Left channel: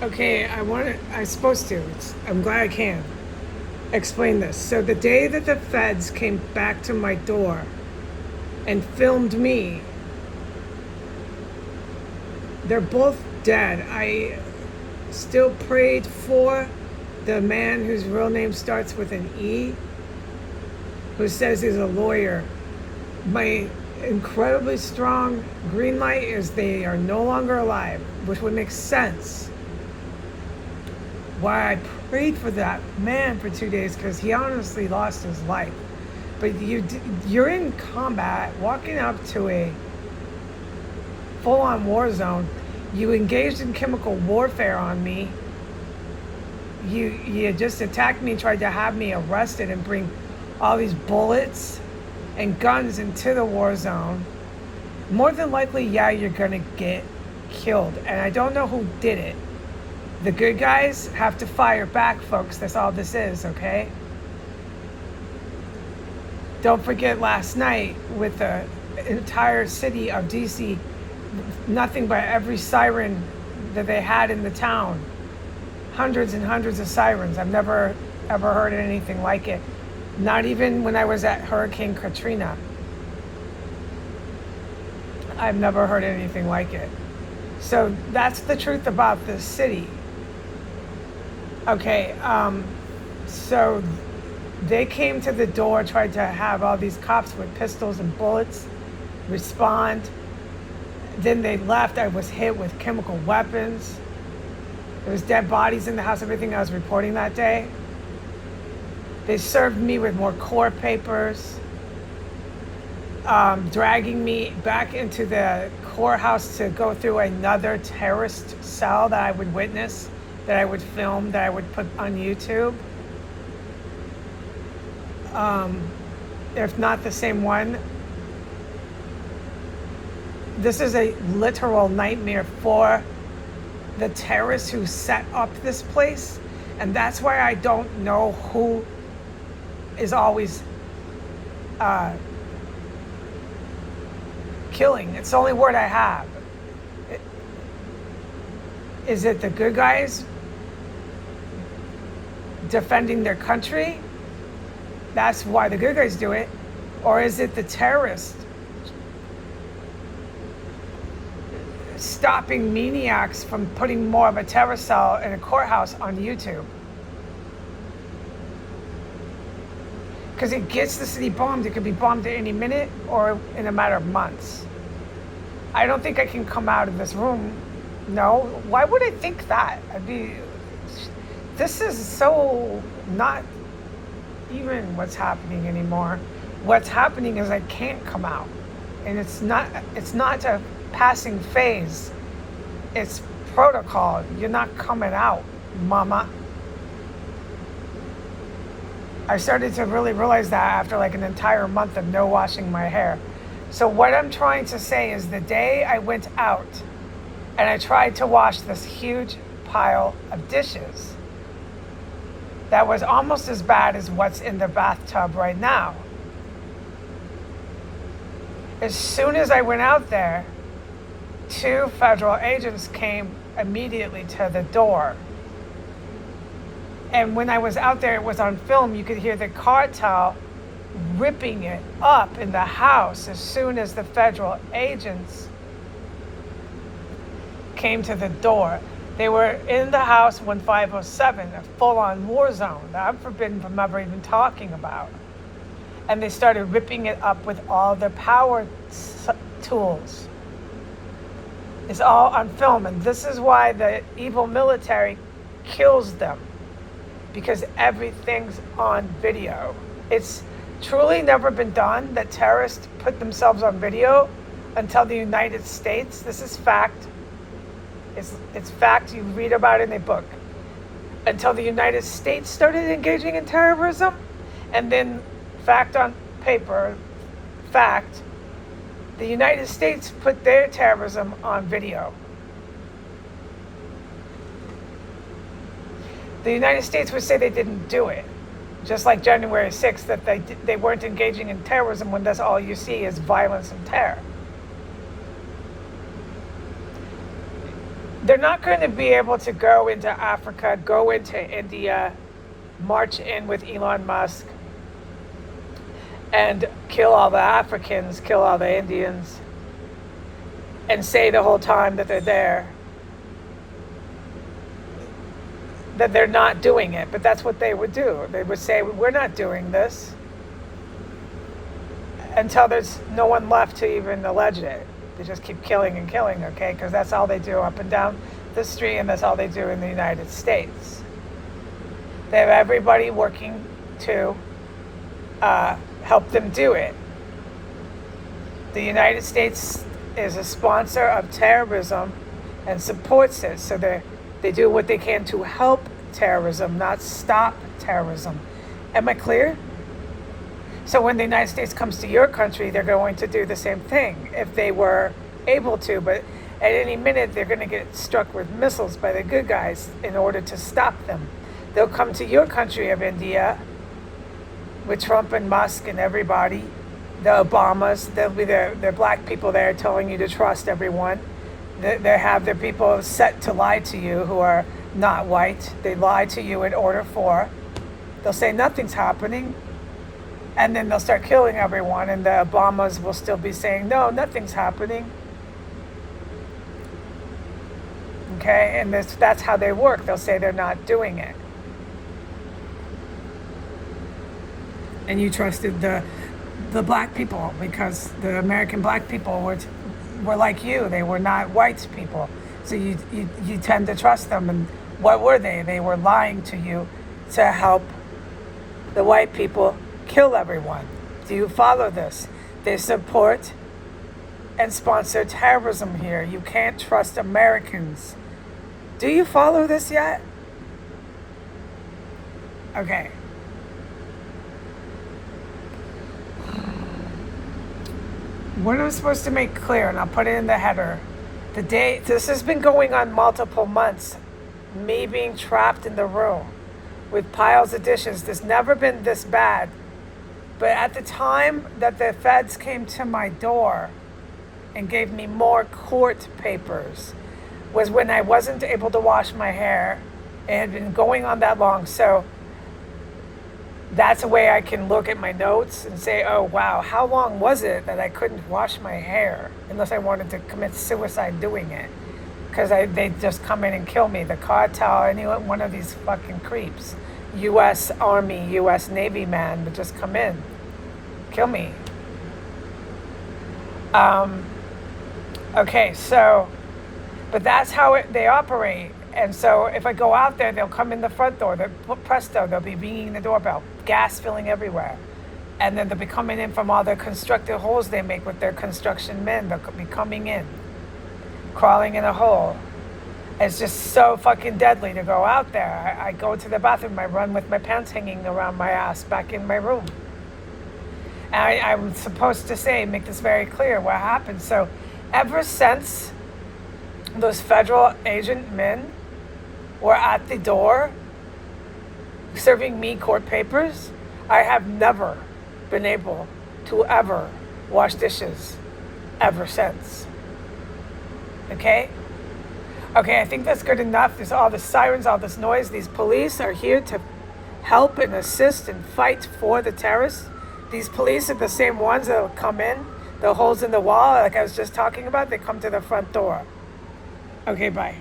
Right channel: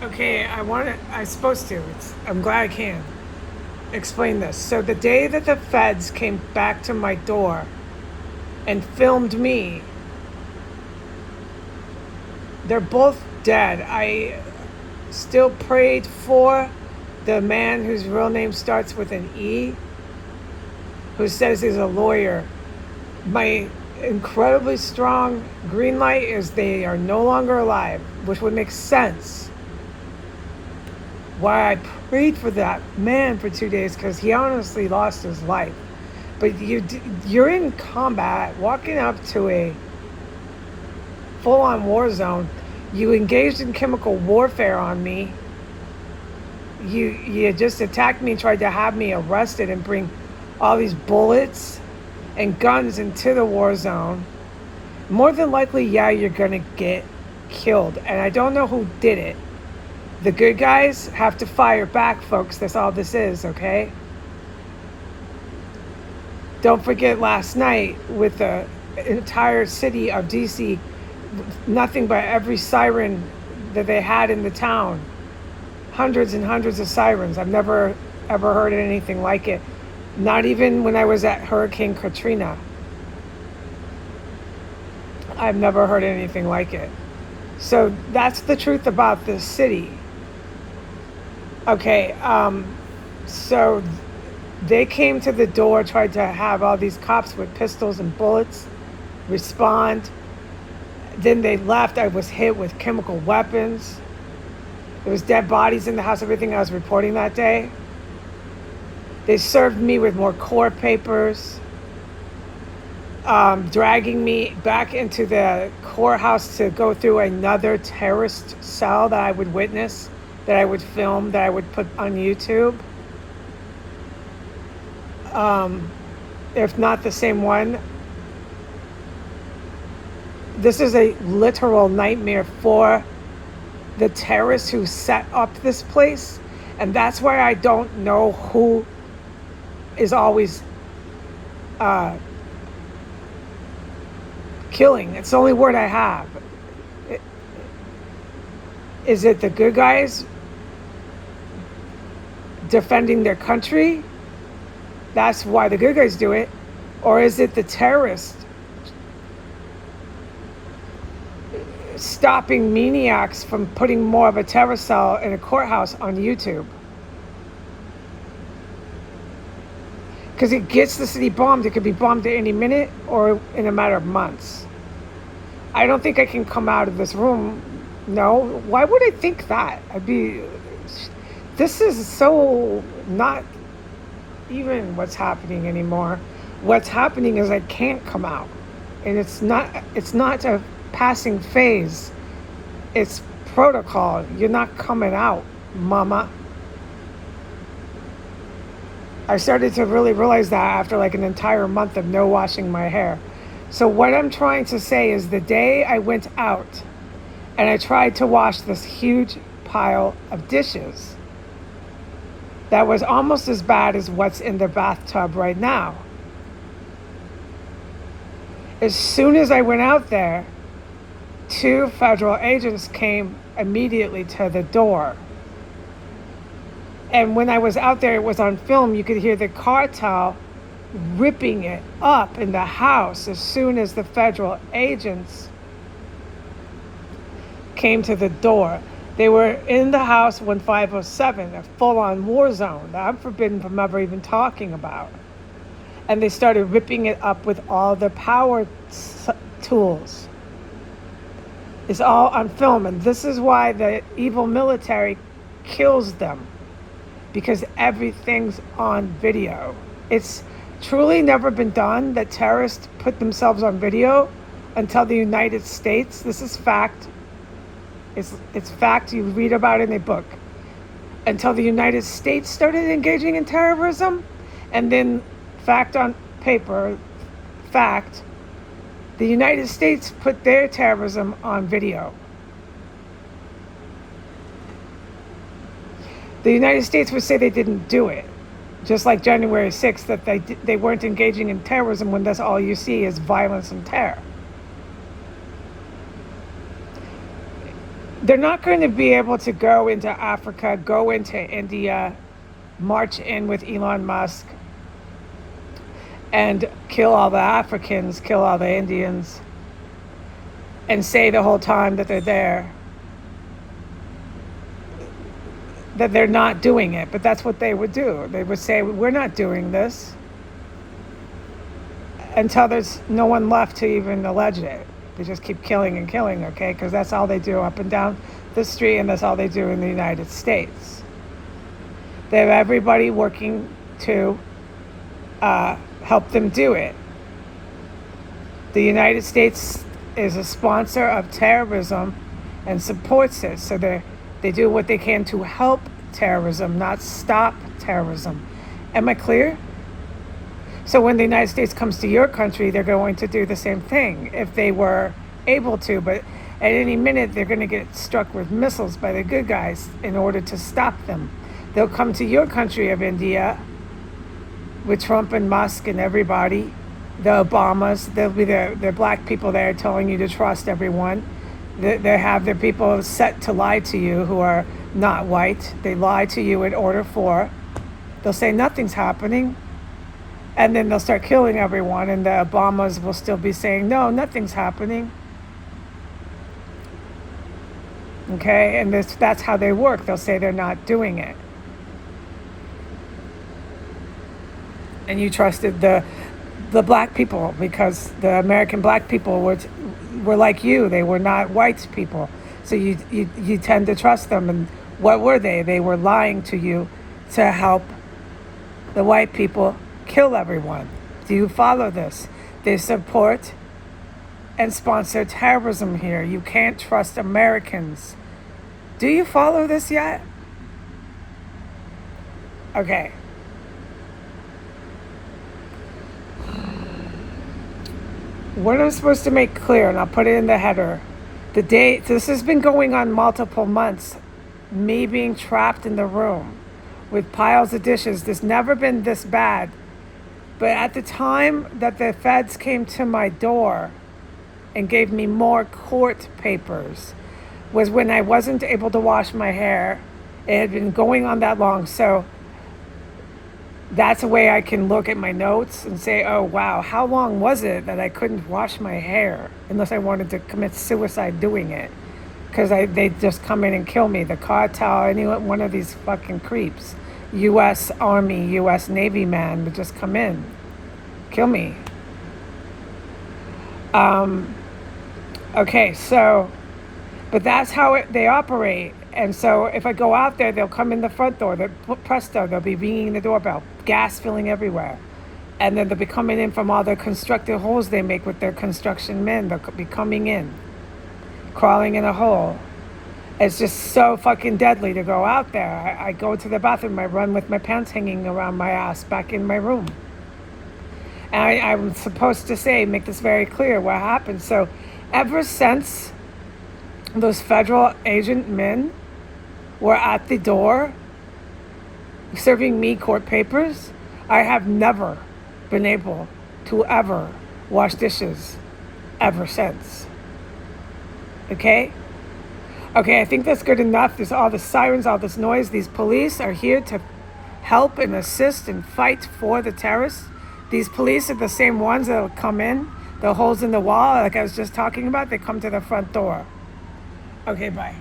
Okay, I'm supposed to. I'm glad I can explain this. So the day that the feds came back to my door and filmed me, they're both dead. I still prayed for the man whose real name starts with an E, who says he's a lawyer. My incredibly strong green light is they are no longer alive, which would make sense why I prayed for that man for 2 days, because he honestly lost his life. But you're in combat, walking up to a full-on war zone. You engaged in chemical warfare on me. You just attacked me and tried to have me arrested and bring all these bullets and guns into the war zone. More than likely, yeah, you're gonna get killed. And I don't know who did it. The good guys have to fire back, folks. That's all this is, okay? Don't forget last night with the entire city of DC, nothing but every siren that they had in the town. Hundreds and hundreds of sirens. I've never ever heard anything like it. Not even when I was at Hurricane Katrina. I've never heard anything like it. So that's the truth about this city. Okay, so they came to the door, tried to have all these cops with pistols and bullets respond. Then they left. I was hit with chemical weapons. There was dead bodies in the house, everything I was reporting that day. They served me with more court papers, dragging me back into the courthouse to go through another terrorist cell that I would witness, that I would film, that I would put on YouTube. If not the same one. This is a literal nightmare for the terrorists who set up this place. And that's why I don't know who is always killing. It's the only word I have. Is it the good guys defending their country? That's why the good guys do it. Or is it the terrorists stopping maniacs from putting more of a terror cell in a courthouse on YouTube? Because it gets the city bombed. It could be bombed at any minute or in a matter of months. I don't think I can come out of this room. No. Why would I think that? This is so not even what's happening anymore. What's happening is I can't come out. And it's not a passing phase. It's protocol. You're not coming out, mama. I started to really realize that after like an entire month of no washing my hair. So what I'm trying to say is the day I went out and I tried to wash this huge pile of dishes that was almost as bad as what's in the bathtub right now. As soon as I went out there, 2 federal agents came immediately to the door. And when I was out there, it was on film, you could hear the cartel ripping it up in the house as soon as the federal agents came to the door. They were in the house 1507, a full-on war zone that I'm forbidden from ever even talking about. And they started ripping it up with all the power tools. It's all on film, and this is why the evil military kills them, because everything's on video. It's truly never been done that terrorists put themselves on video until the United States. This is fact. It's fact. You read about it in a book. Until the United States started engaging in terrorism, and then fact on paper, fact, the United States put their terrorism on video. The United States would say they didn't do it, just like January 6th, that they weren't engaging in terrorism when that's all you see is violence and terror. they're not going to be able to go into Africa, go into India, march in with Elon Musk, and kill all the Africans, kill all the Indians, and say the whole time that they're there that they're not doing it. But that's what they would do. They would say, we're not doing this, until there's no one left to even allege it. They just keep killing and killing, okay? Because that's all they do up and down the street, and that's all they do in the United States. They have everybody working to help them do it. The United States is a sponsor of terrorism and supports it, so they do what they can to help terrorism, not stop terrorism. Am I clear? So when the United States comes to your country, they're going to do the same thing if they were able to, but at any minute they're going to get struck with missiles by the good guys in order to stop them. They'll come to your country of India with Trump and Musk and everybody, the Obamas. There'll be their black people there telling you to trust everyone. They have their people set to lie to you who are not white. They lie to you in order for, they'll say nothing's happening, and then they'll start killing everyone, and the Obamas will still be saying, no, nothing's happening. Okay, and that's how they work. They'll say they're not doing it. And you trusted the black people because the American black people were like you. They were not white people. So you tend to trust them. And what were they? They were lying to you to help the white people kill everyone. Do you follow this? They support and sponsor terrorism here. You can't trust Americans. Do you follow this yet? Okay. What I'm supposed to make clear, and I'll put it in the header, this has been going on multiple months, me being trapped in the room with piles of dishes. There's never been this bad. But at the time that the feds came to my door and gave me more court papers was when I wasn't able to wash my hair. It had been going on that long, so that's a way I can look at my notes and say, oh wow, how long was it that I couldn't wash my hair unless I wanted to commit suicide doing it? Because they'd just come in and kill me. The cartel, any one of these fucking creeps, U.S. Army, U.S. Navy man would just come in, kill me. Okay, so, but that's how they operate. And so if I go out there, they'll come in the front door, presto, they'll be ringing the doorbell, gas filling everywhere. And then they'll be coming in from all their constructive holes they make with their construction men. They'll be coming in, crawling in a hole. It's just so fucking deadly to go out there. I go to the bathroom, I run with my pants hanging around my ass back in my room. And I'm supposed to make this very clear what happened. So ever since those federal agent men were at the door serving me court papers, I have never been able to ever wash dishes ever since. Okay? Okay, I think that's good enough. There's all the sirens, all this noise. These police are here to help and assist and fight for the terrorists. These police are the same ones that will come in, the holes in the wall, like I was just talking about, they come to the front door. Okay, bye.